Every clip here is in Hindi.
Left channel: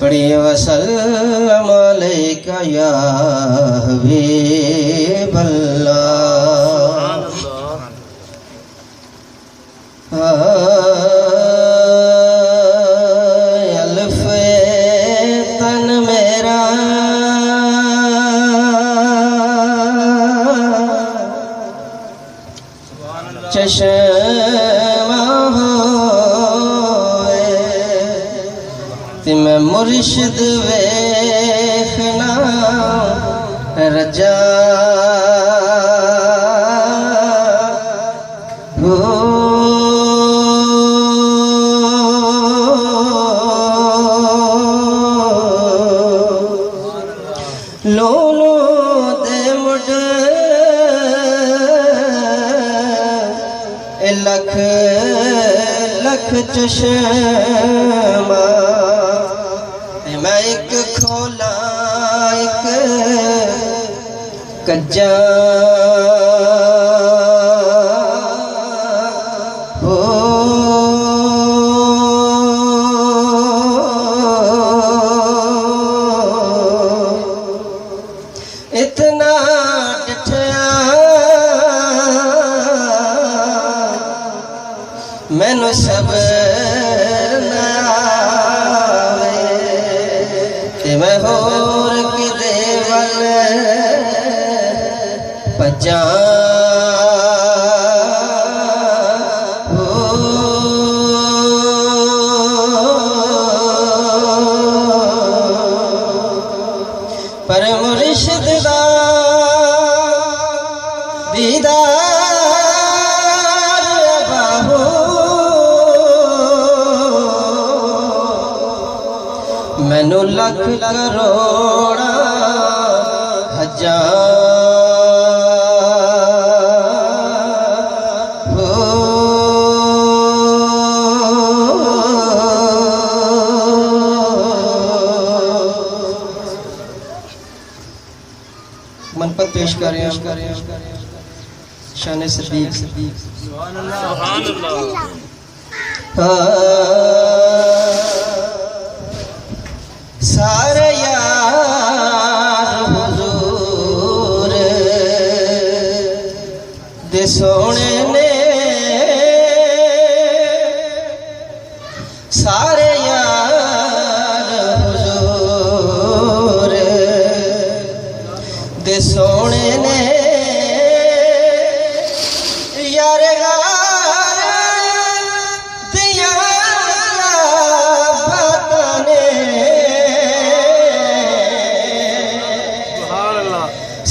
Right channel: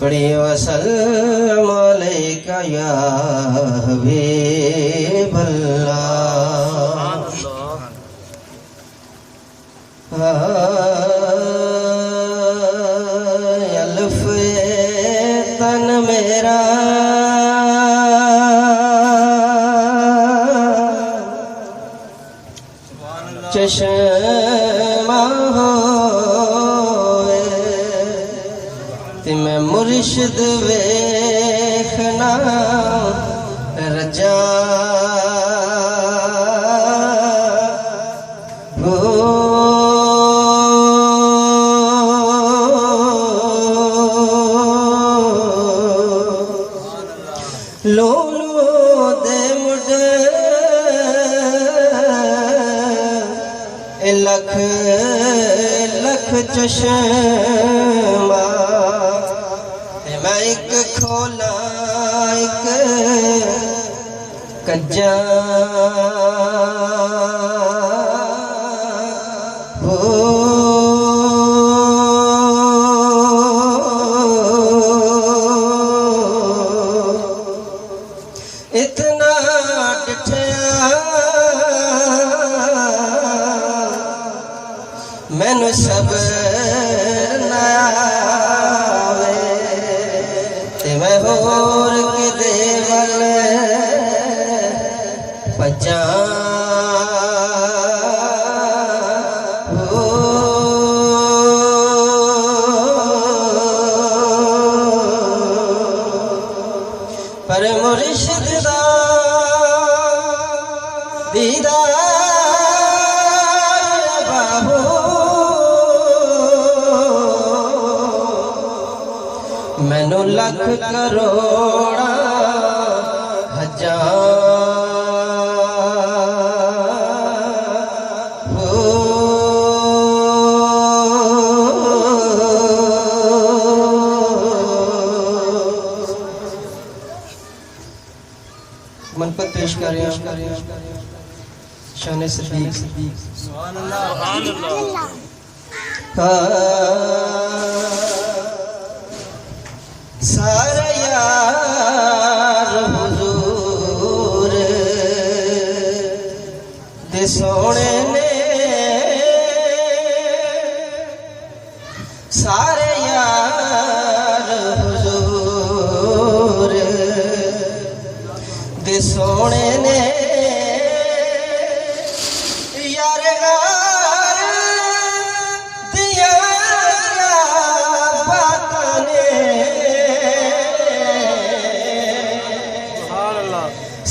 पढ़ी वसल्लम अलैका या हबीबल्लाह। अल्फ़े तन मेरा चश्मा होए ते मैं मुर्शिद वेखना रजा हो। लोलो दे मुड लख लख चश्मा मैं एक खोला एक कज्जा हो। इतना डिठया मैनू सब्र ना आवे ते मैं होर किदे वल भज्जां हो। पर मुर्शिद दा दीदार बाहो मैनू लख करोड़ा हजार हो। मनपत पेश करें शान सदीक। सारे यार हुजूर दे सोने ने सारे यार हुजूर दे सोने ने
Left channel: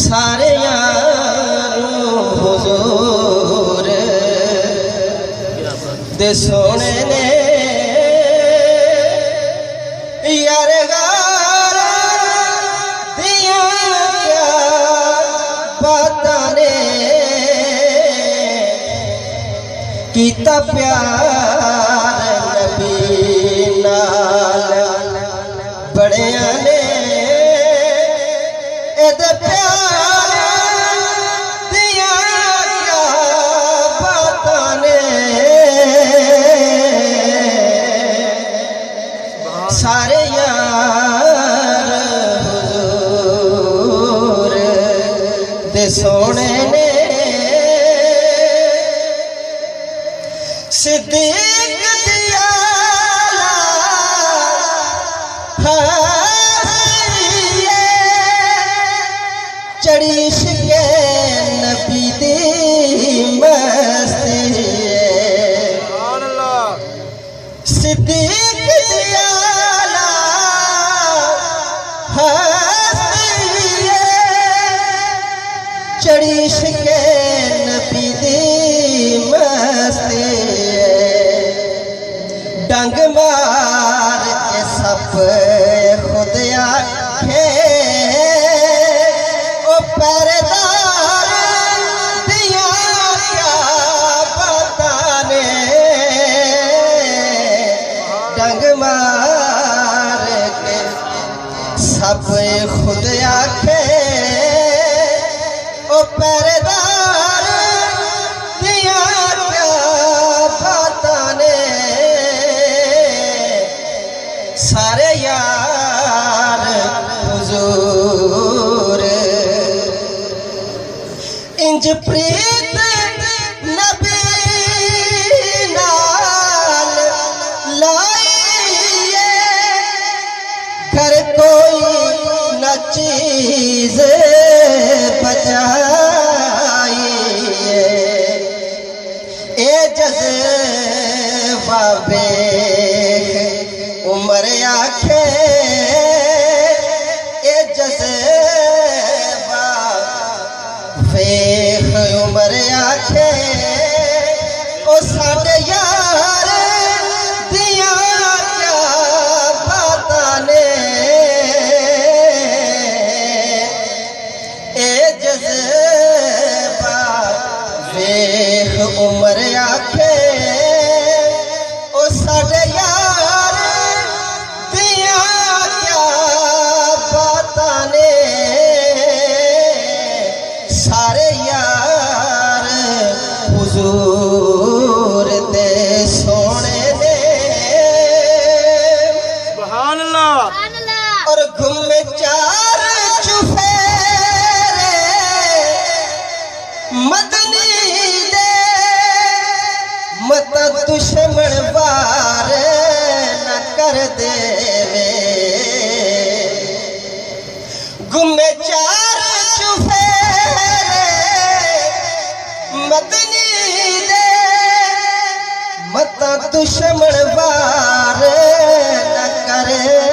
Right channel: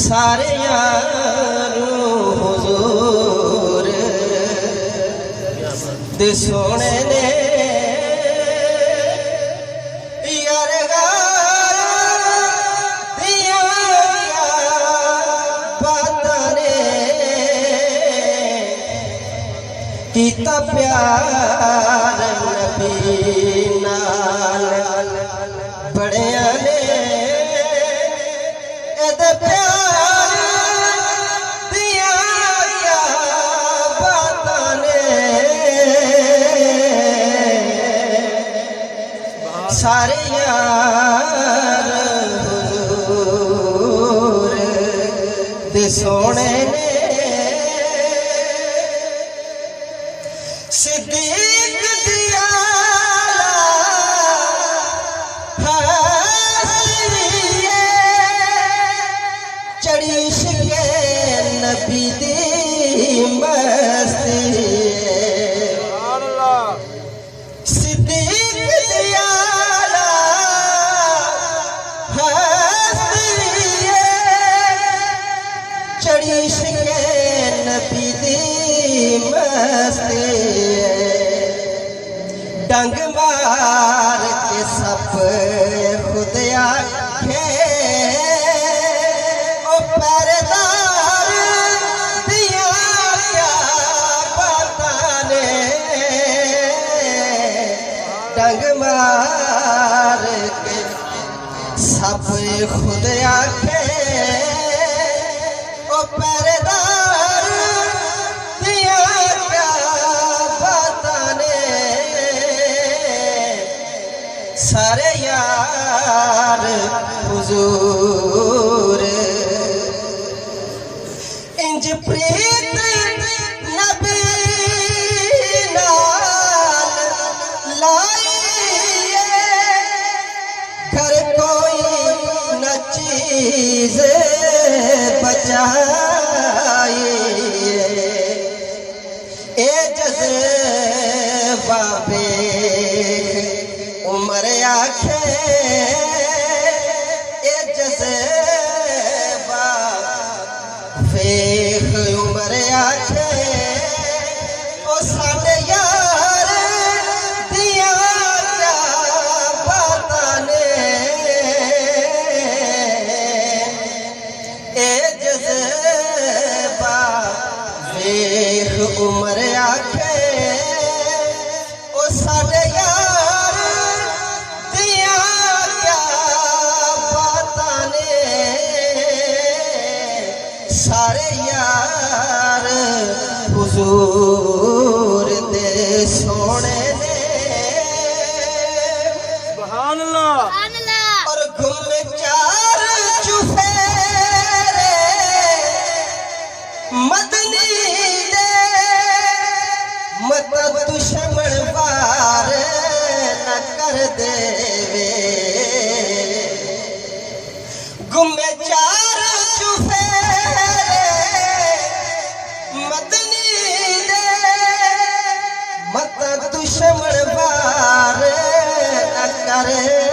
सारे यार हुजूर दे सोने ने यार गार दिया क्या बातां ने कीता प्यार नबी नाल बड़िया ने एदे सारे यार हुजूर दे सोने ने सिद्दीक दिया चढ़ी शिके नबी दी मस्ती सिद्दीक चढ़ी शिके नबी दी मस्ती डंग मार के सप खुद आखे ओ पहरेदार दिया क्या बातां ने डंग मार के सप खुद आखे ओ पहरेदार दिया क्या बातां ने किच प्रीत नबी नाल लाइए घर कोई न चीज बचाइए ए जज़्बा बेख उमर आखे ए जज़्बा बेख उमर आखे ओ साडे यार दिया क्या बातां ने ए जज़्बा बेख उमर आखे ओ साडे यार दिया क्या बातां ने सारे यार हुजूर दे सोने ने सुभान अल्लाह। और घूमे चार चुफेरे मदनी दे मत दुश्मन बार न कर देवे घूमे चार चुफेरे मदनी दे मत दुश्मन बार न करे